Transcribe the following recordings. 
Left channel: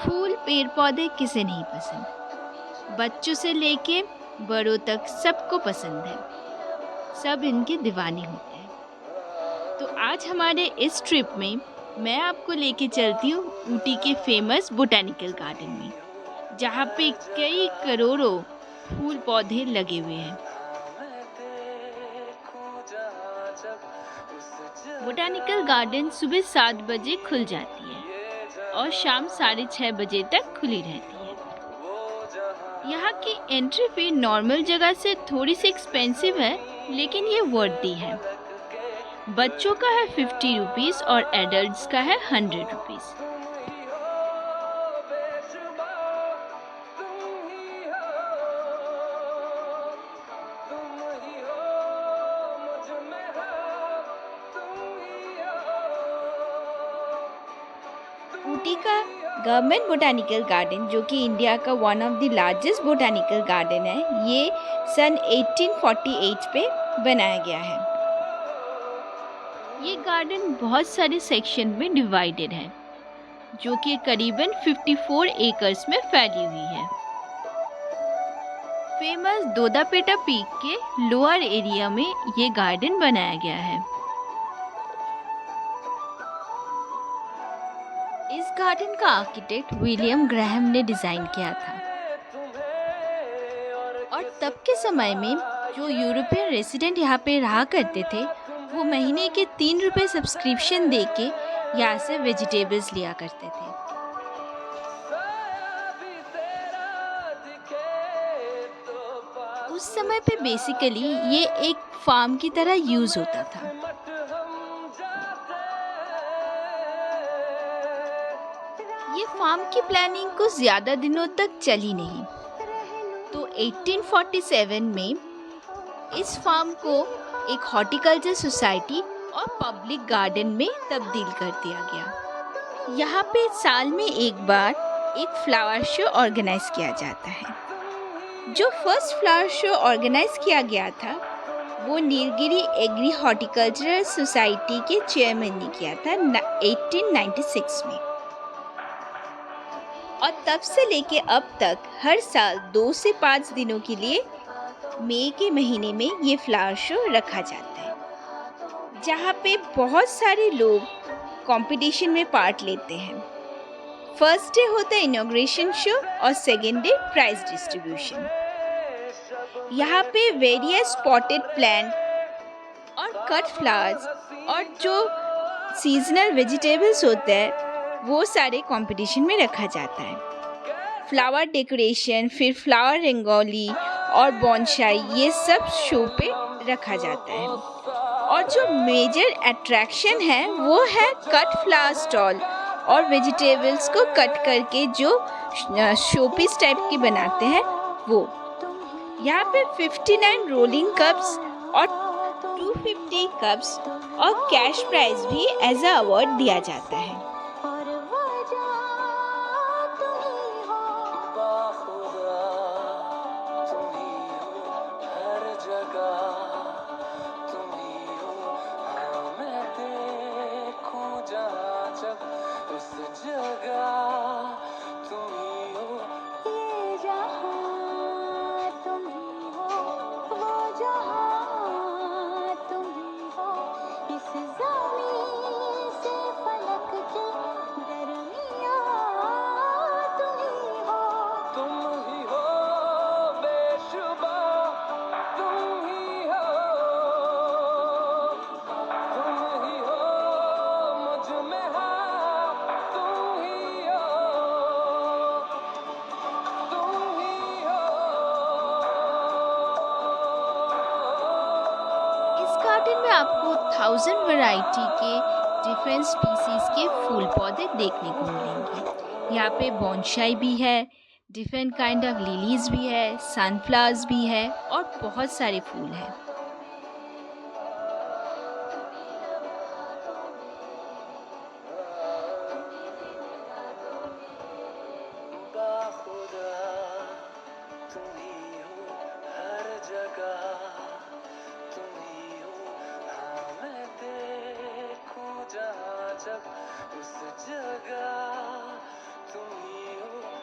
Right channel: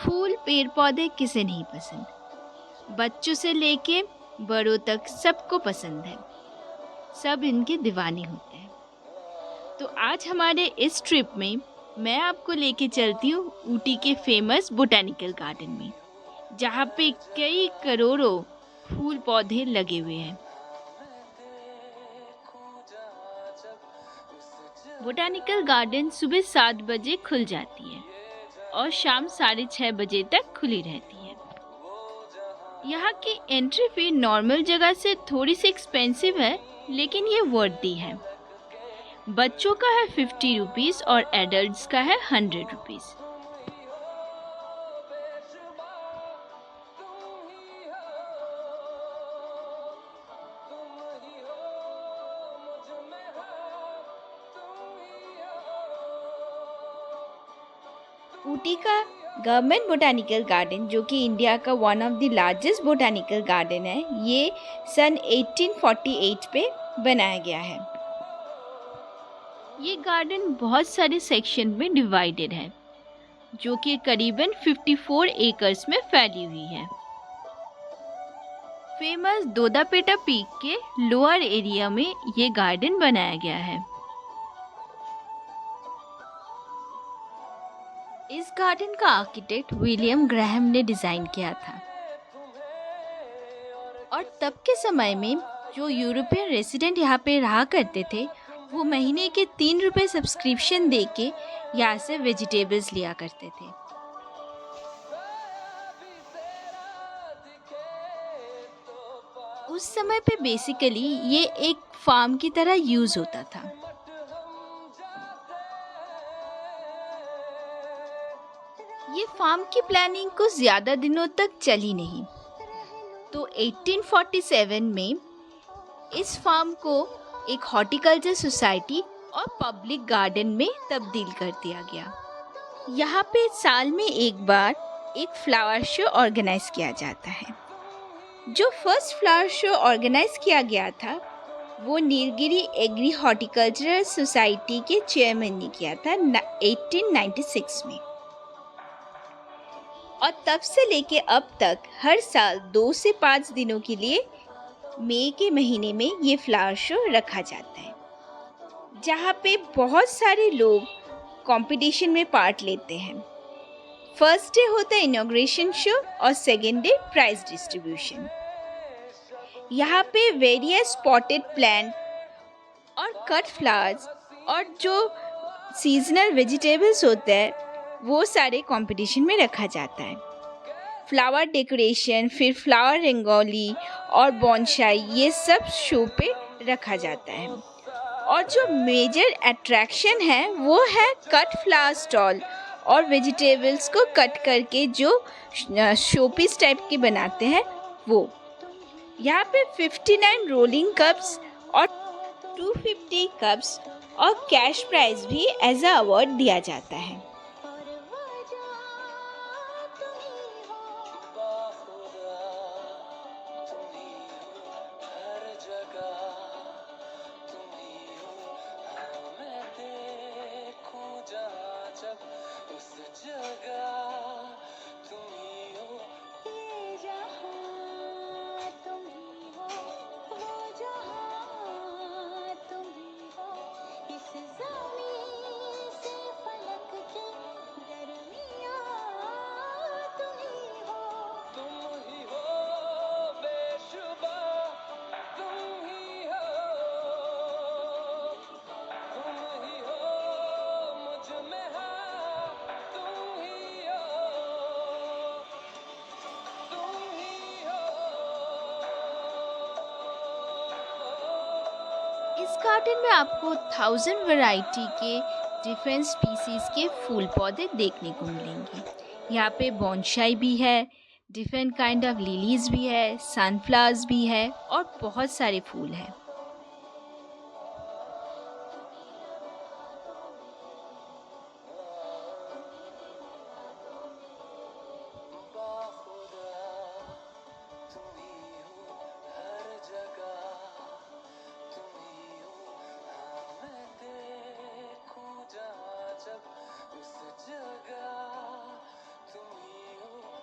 फूल पेड़ पौधे किसे नहीं पसंद। बच्चों से लेके बड़ों तक सबको पसंद है। सब इनके दीवाने होते हैं। तो आज हमारे इस ट्रिप में मैं आपको लेके चलती हूँ ऊटी के फेमस बोटेनिकल गार्डन में, जहाँ पे कई करोड़ों फूल पौधे लगे हुए हैं। बोटेनिकल गार्डन सुबह 7 बजे खुल जाती है और शाम 6:30 बजे तक खुली रहती है। यहाँ की एंट्री फी नॉर्मल जगह से थोड़ी सी एक्सपेंसिव है, लेकिन ये वर्दी है। बच्चों का है 50 रुपीज़ और एडल्ट्स का है 100 रुपीज़। ऊटी का गवर्नमेंट बोटेनिकल गार्डन, जो कि इंडिया का one of the largest botanical garden है, ये सन 1848 पे बनाया गया है। ये गार्डन बहुत सारे सेक्शन में डिवाइडेड है, जो कि करीबन 54 एकर्स में फैली हुई है। फेमस दोदापेटा पीक के लोअर एरिया में ये गार्डन बनाया गया है। इस गार्डन का आर्किटेक्ट विलियम ग्राहम ने डिज़ाइन किया था और तब के समय में जो यूरोपियन रेसिडेंट यहाँ पे रहा करते थे, वो महीने के 3 रुपये सब्सक्रिप्शन दे के यहाँ से वेजिटेबल्स लिया करते थे। उस समय पे बेसिकली ये एक फार्म की तरह यूज़ होता था। ये फार्म की प्लानिंग कुछ ज़्यादा दिनों तक चली नहीं, तो 1847 में इस फार्म को एक हॉर्टिकल्चर सोसाइटी और पब्लिक गार्डन में तब्दील कर दिया गया। यहाँ पे साल में एक बार एक फ्लावर शो ऑर्गेनाइज किया जाता है। जो फर्स्ट फ्लावर शो ऑर्गेनाइज किया गया था, वो नीलगिरी एग्री हॉर्टिकल्चरल सोसाइटी के चेयरमैन ने किया था 1896 में। और तब से लेके अब तक हर साल 2 से 5 दिनों के लिए मई के महीने में ये फ्लावर शो रखा जाता है, जहाँ पे बहुत सारे लोग कंपटीशन में पार्ट लेते हैं। फर्स्ट डे होता है इनॉग्रेशन शो और सेकेंड डे प्राइज डिस्ट्रीब्यूशन। यहाँ पे वेरियस स्पॉटेड प्लांट और कट फ्लावर्स और जो सीजनल वेजिटेबल्स होते हैं, वो सारे कंपटीशन में रखा जाता है। फ्लावर डेकोरेशन, फिर फ्लावर रंगोली और बॉन्साई, ये सब शो पे रखा जाता है। और जो मेजर अट्रैक्शन है वो है कट फ्लावर स्टॉल और वेजिटेबल्स को कट करके जो शोपीस टाइप के बनाते हैं वो। यहाँ पे 59 रोलिंग कप्स और 250 कप्स और कैश प्राइज भी एज अ अवार्ड दिया जाता है। इस गार्डन में आपको 1000 वैरायटी के डिफरेंट स्पीसीज के फूल पौधे देखने को मिलेंगे। यहाँ पे बॉन्साई भी है, डिफरेंट काइंड ऑफ लिलीज भी है, सनफ्लावर्स भी है और बहुत सारे फूल हैं।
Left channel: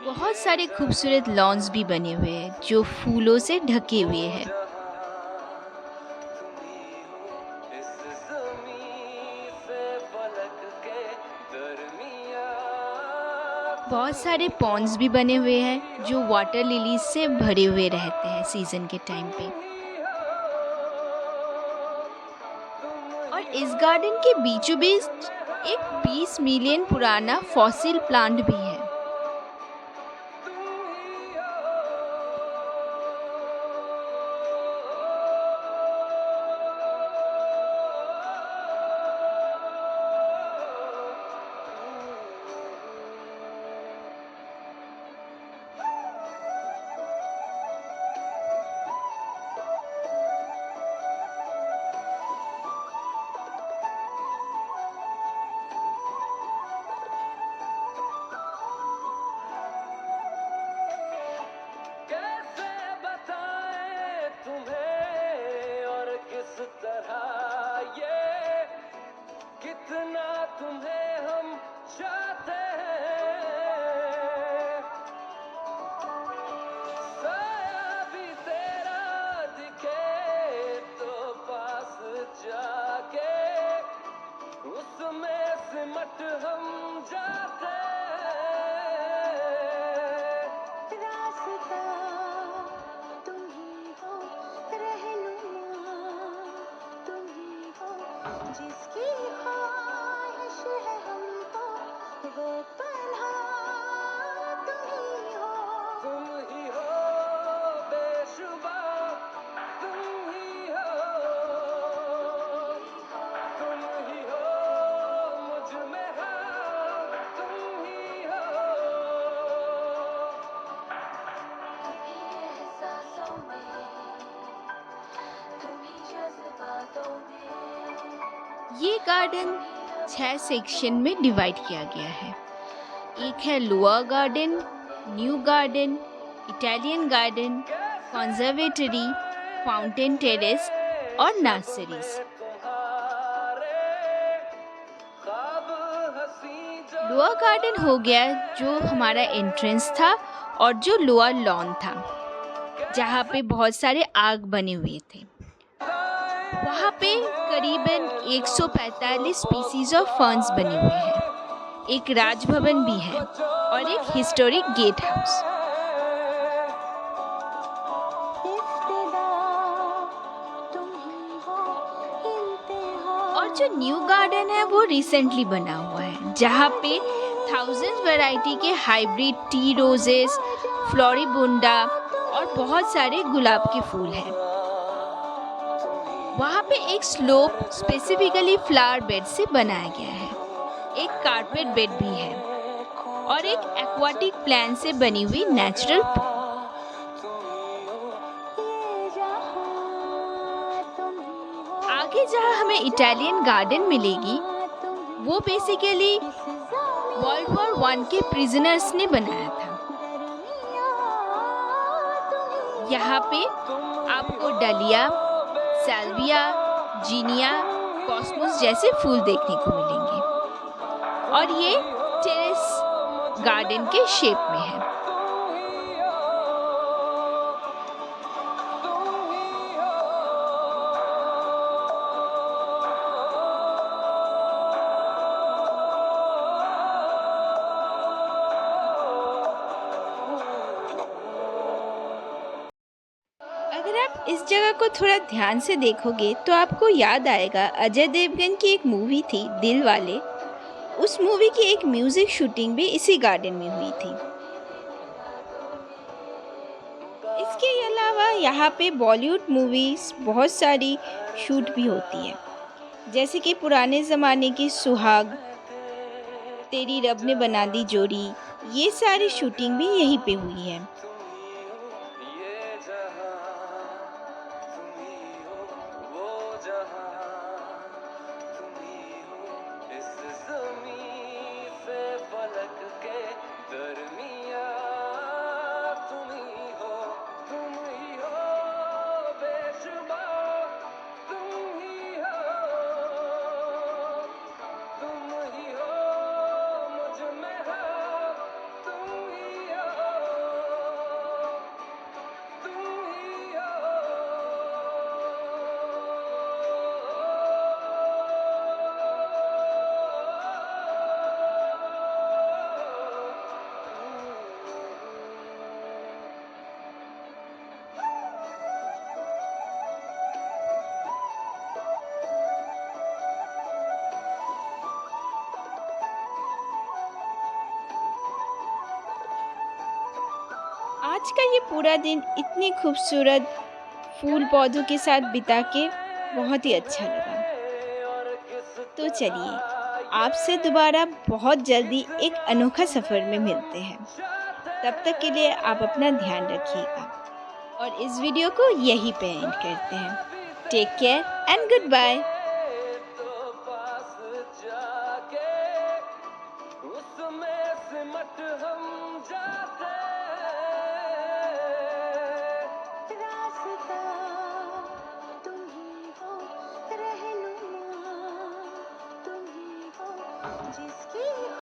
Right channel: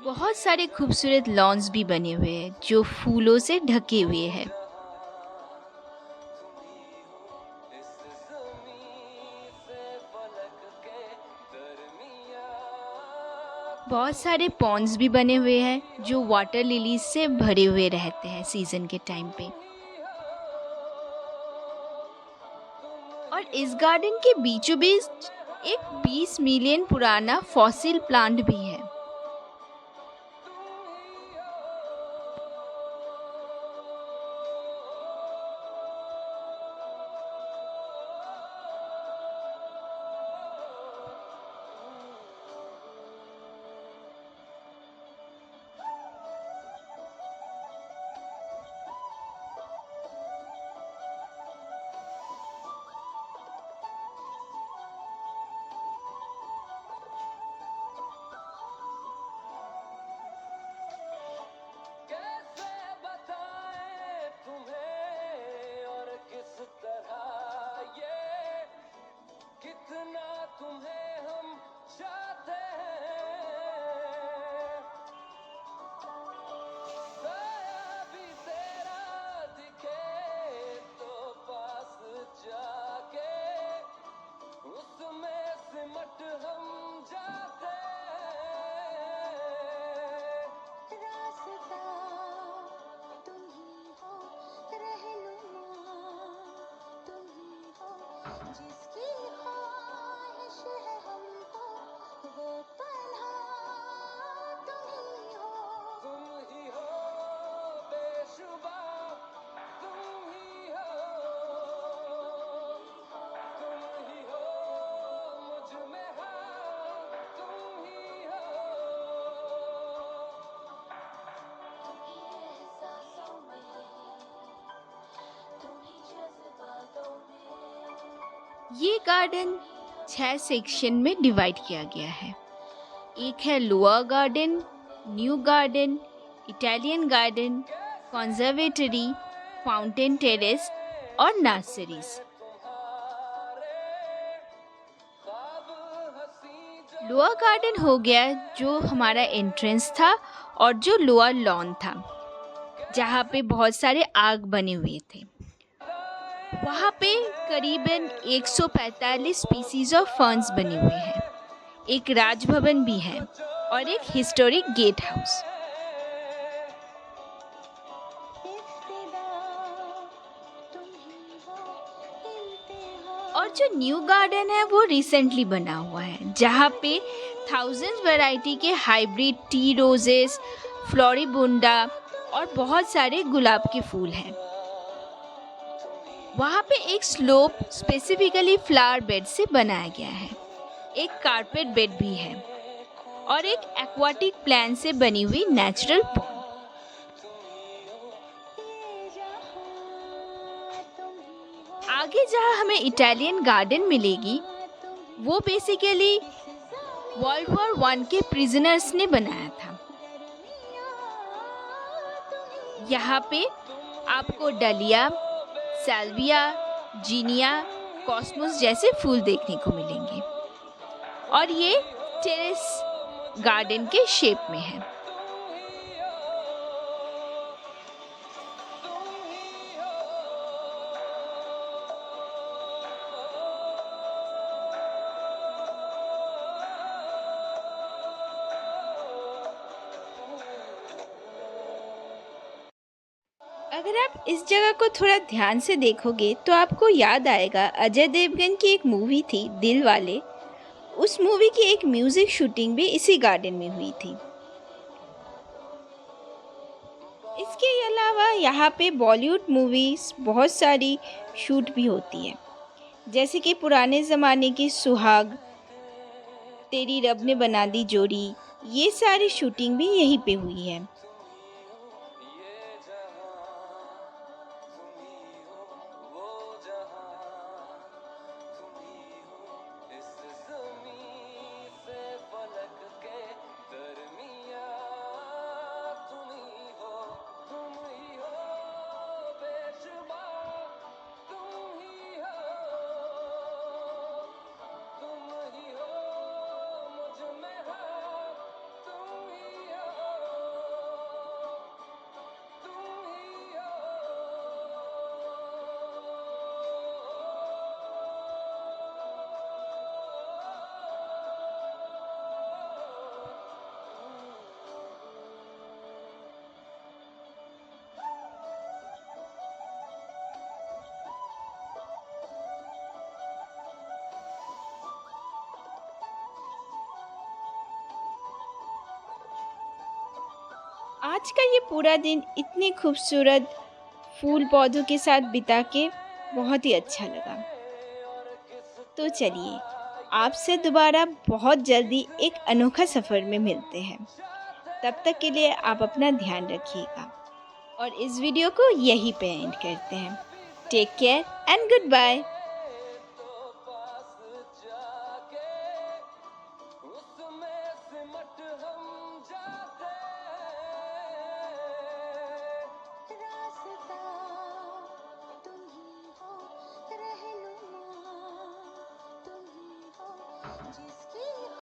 बहुत सारे खूबसूरत लॉन्स भी बने हुए हैं जो फूलों से ढके हुए हैं। बहुत सारे पॉन्ड्स भी बने हुए हैं जो वाटर लिलीज से भरे हुए रहते हैं सीजन के टाइम पे। और इस गार्डन के बीचों बीच एक 20 मिलियन पुराना फॉसिल प्लांट भी है। ये गार्डन 6 सेक्शन में डिवाइड किया गया है। एक है lower garden, new garden, Italian garden, conservatory, fountain terrace और नर्सरीज। लोअर गार्डन हो गया जो हमारा एंट्रेंस था और जो लोअर लॉन था जहाँ पे बहुत सारे आग बने हुए थे। वहाँ पे करीबन 145 स्पीसीज ऑफ फर्न्स बने हुए हैं। एक राजभवन भी है और एक हिस्टोरिक गेट हाउस। और जो न्यू गार्डन है वो रिसेंटली बना हुआ है जहाँ पे थाउजेंड्स वैरायटी के हाइब्रिड टी रोजेस, फ्लोरिबुंडा और बहुत सारे गुलाब के फूल हैं। वहाँ पे एक स्लोप स्पेसिफिकली फ्लावर बेड से बनाया गया है। एक कारपेट बेड भी है और एक एक्वाटिक प्लांट से बनी हुई नेचुरल पॉन्ड। आगे जहाँ हमें इटालियन गार्डन मिलेगी वो बेसिकली वर्ल्ड वॉर 1 के प्रिजनर्स ने बनाया था। यहाँ पे आपको डलिया, सैल्विया, जीनिया, कॉस्मोस जैसे फूल देखने को मिलेंगे और ये टेरेस गार्डन के शेप में है। अगर आप इस जगह को थोड़ा ध्यान से देखोगे तो आपको याद आएगा अजय देवगन की एक मूवी थी दिल वाले। उस मूवी की एक म्यूजिक शूटिंग भी इसी गार्डन में हुई थी। इसके अलावा यहाँ पे बॉलीवुड मूवीज बहुत सारी शूट भी होती है, जैसे कि पुराने ज़माने की सुहाग, तेरी रब ने बना दी जोड़ी, ये सारी शूटिंग भी यहीं पे हुई है। आज का ये पूरा दिन इतनी खूबसूरत फूल पौधों के साथ बिता के बहुत ही अच्छा लगा। तो चलिए, आपसे दोबारा बहुत जल्दी एक अनोखा सफ़र में मिलते हैं। तब तक के लिए आप अपना ध्यान रखिएगा और इस वीडियो को यहीं पे एंड करते हैं। Take care and good bye.